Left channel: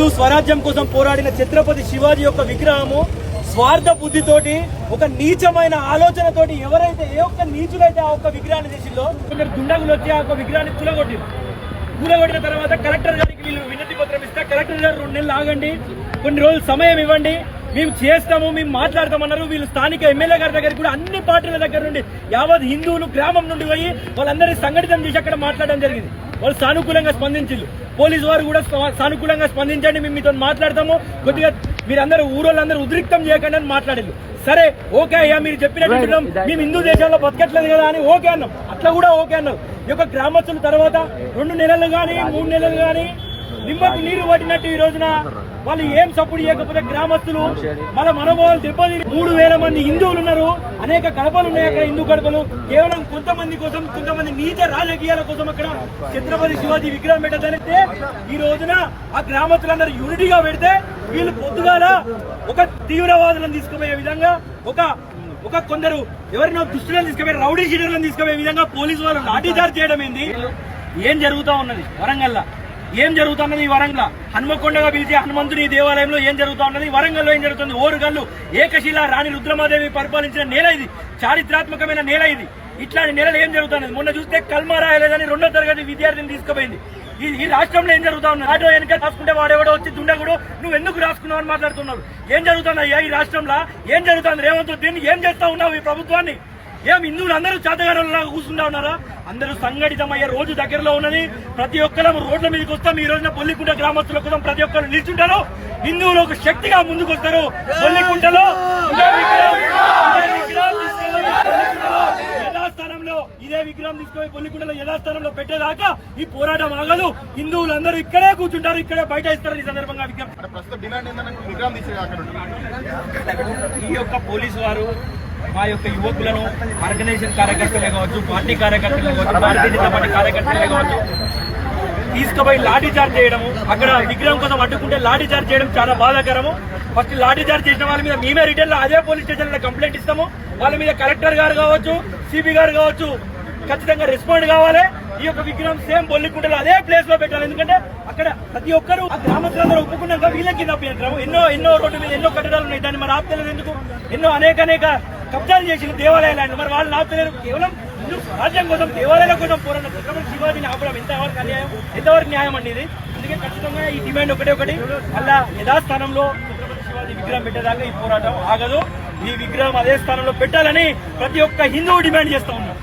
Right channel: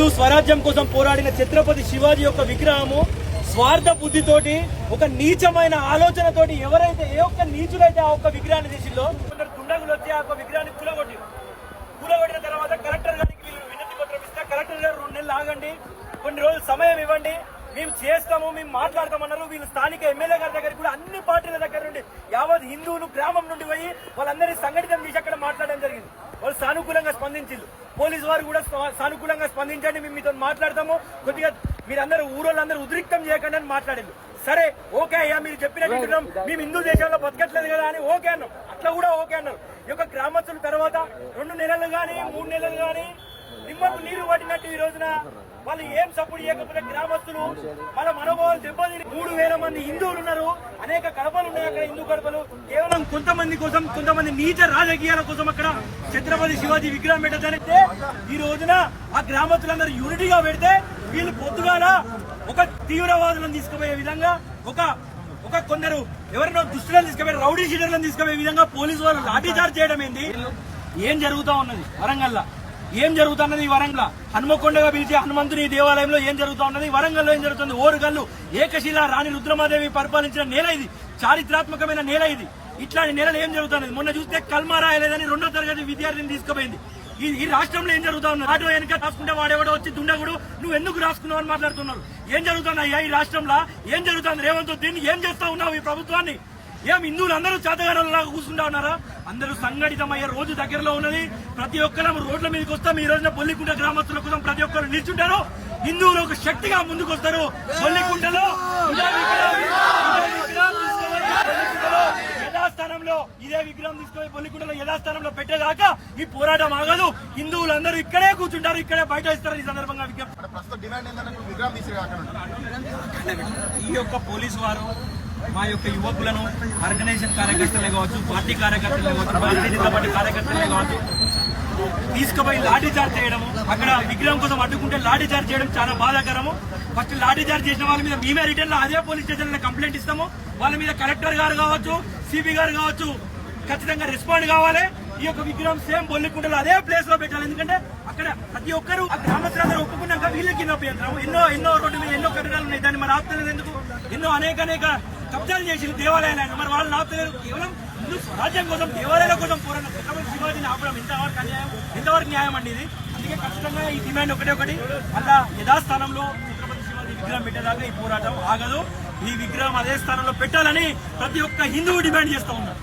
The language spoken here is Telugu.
హిందూ స్వరాజ్యం కోసం పోరాడిన ఛత్రపతి శివాజీ యొక్క విగ్రహము స్వార్థ బుద్ధితోటి ఒక నీచమైన ఆలోచనతోటి ఎవరైతే ఏ ఒక్క నీచులైతే ఆ ఒక్క విగ్రహాన్ని తీసిందో దుండగులు వచ్చి ఆ ఒక్క విగ్రహాన్ని కూలగొట్టిన తర్వాత కలెక్టర్ గారికి వీళ్ళు వినతి పత్రం ఇస్తే కలెక్టర్ గారు 2 నెలలు ఆగండి, కొన్ని రోజులు సమయం ఇవ్వండి, మేము చేస్తాము, మేము మాట్లాడతామన్నారు. వీళ్ళు స్థానిక ఎమ్మెల్యే గారి దగ్గర కూడా అన్ని పార్టీల దగ్గర నుండి యావత్ హిందువులు గ్రామం నుండి పోయి వాళ్ళందరినీ సంఘటితం చేసి అక్కడ మాట్లాడడం జరిగింది. వాళ్ళు సానుకూలంగా స్పందించారు. పోలీసు వారు కూడా సానుకూలంగా స్పందించండి, మేము మీతో మాట్లాడతాము, కొద్దిగా మీరందరూ ఊరోళ్ళందరూ ఉద్రిక్తం చేయకండి అని మాట్లాడారు. సరే ఓకే అయ్యా, మీరు చెప్పినట్టు మేము హిందూ దేశంలో బతకట్లేదు కదా అని ఓకే అన్నాం. అట్లా కూడా ఓకే అన్నారు. ఈ యొక్క గ్రామస్తుల తర్వాత 2 నెలలు కానీ 3 నెలలు కానీ నిమ్మకు నీరు పట్టినట్టు ఈ రోజున వాళ్ళు ఏం సపోర్ట్ చేయకపోతే గ్రామస్తులు మన మనోభావాలు దెబ్బతిని 3000 మంది హిందువులు ఉన్నారు. అనేక గడపలు ఉన్నాయి అక్కడ, హిందూ గడపలు. కేవలం కొంతమంది కోసం, కొంతమంది నీచ రాజకీయాల కోసం అక్కడ ఛత్రపతి శివాజీ విగ్రహం పెట్టదనిస్తే ఈ రోజున ఆ గ్రామస్తులందరూ యూనిటీగా పెడితే వీళ్ళు పొద్దుగాల ఒక తీవ్రవాదులను తీసుకుపోయే విధంగా ఒక కొందరు ఎవరినో దుస్తులను తీసుకుపోయి రౌడీ షీటర్లను తీసుకుపోయే విధంగా పోలీసు వాళ్ళు లాఠీచార్జ్ చేయడం ఏంది? ఏం జరుగుతా ఉన్నది వరంగల్లో? ఏం జరుగుతున్నది ఈ వరంగల్? హనుమకొండగా పిలిచే హనుమంతుని దేవాలయంలో ఏం జరుగుతా ఉన్నది? వరంగల్లో ఏం జరుగుతుంది? ఓరుగల్లు ఏకశిల రాణి రుద్రమాదేవి పరిపాలించిన నేల ఇది, చారిత్రాత్మకమైన నేల ఇది. ఇట్లాంటి నేలలు ఏం జరుగుతున్నది? మొన్న చూస్తే కల్మా రాయలేదని 2వ తరగతి విద్యార్థిని తీసుకుపోయింది. ఈ రాష్ట్రంలో ఏం జరుగుతా ఉంది? ఆటో వెనక రాసుకుంటే వాడెవడో వచ్చి దుండగుడు నువ్వు ఎందుకు రాసుకున్నావు అని మాట్లాడుతున్నారు. ఏం జరుగుతుందయ్యా ఈ రాష్ట్రంలో? ఏం జరుగుతుంది? రేవంత్ దీన్ని ఏం చేస్తా ఉన్నావు ఈ ప్రభుత్వాన్ని? ఏం హిందువులు అందరూ చేతగారులాగా కూర్చుంటా ఉన్నారా? అందరూ సంఘటితమయ్యే రోజు దగ్గరలో ఉన్నది. ప్రతి ఒక్కరు రోడ్ల మీదకి వస్తాం. ఈ రోజున బొల్లికుంట గ్రామస్తుల కోసం ప్రతి ఒక్కరు నిల్చుంటారు. హిందువులు ఒక శక్తిగా ముందుకు వస్తారు. బొల్లికుంటలో యథాస్థానంలో ఇదే విగ్రహం తీసుకుపోయి బొల్లికుంటలో యథాస్థానంలో పెట్టేదాకా ఈ పోరాటం ఆగదు. హిందువులందరూ ఇక్కడే కూర్చుంటారు, ఇక్కడే బయట ఇస్తారు. ఈ సందర్భంగా ఈ యొక్క పోలీసు వారు మా యొక్క యువకులను ఆర్గనైజేషన్ కార్యకర్తలే కావచ్చు, పార్టీ కార్యకర్తలే కావచ్చు, భారతీయ జనతా పార్టీ కార్యకర్తలే కావచ్చు తీసుకుపోయి లాఠీ చార్జ్ చేయడము, అక్కడ విగ్రహం కోసం అడ్డుకుంటే లాఠీ చార్జ్ చేయడం చాలా బాధాకరము. ఫస్ట్ లాఠీ చార్జ్ చేసిన వాళ్ళ మీద మేమే రిటర్న్ లో అదే పోలీస్ స్టేషన్ లో కంప్లైంట్ ఇస్తాము. వాళ్ళ మీద కలెక్టర్ గారు కావచ్చు, సిపి గారు కావచ్చు ఖచ్చితంగా రెస్పాండ్ కావాలి. ఈ యొక్క విగ్రహం సేమ్ బొల్లికుంటలో అదే ప్లేస్ లో పెట్టాలి. ఎందుకంటే అక్కడ ప్రతి ఒక్కరు ఆ గ్రామస్తులందరూ ఒప్పుకున్నాక వీళ్ళకి అభ్యంతరం. ఎన్నో రోడ్డు మీద ఎన్నో కట్టడాలు ఉన్నాయి, దాన్ని మరి ఆపుతలేదు ఎందుకు? ఎన్నో అనేక కబ్జాలు చేసిన దేవాలయాలు మరి వాళ్ళు ఆపుతలేరు. కేవలం హిందూ స్వరాజ్యం కోసం, దేవాలయాల కోసం పోరాడిన ఛత్రపతి శివాజీని ఆపడం ఎంతవరకు అన్యాయం, ఎంతవరకు న్యాయం అండి ఇది? అందుకే ఖచ్చితంగా ఈ డిమాండ్ ఒకటి అలా యథాస్థానంలో ఛత్రపతి శివాజీ విగ్రహం పెట్టేదాకా ఈ పోరాటం ఆగదు. ఈ విగ్రహం అదే స్థానంలో పెట్టాలని ప్రతి ఒక్క హిందువు డిమాండ్ చేస్తా ఉన్నాం.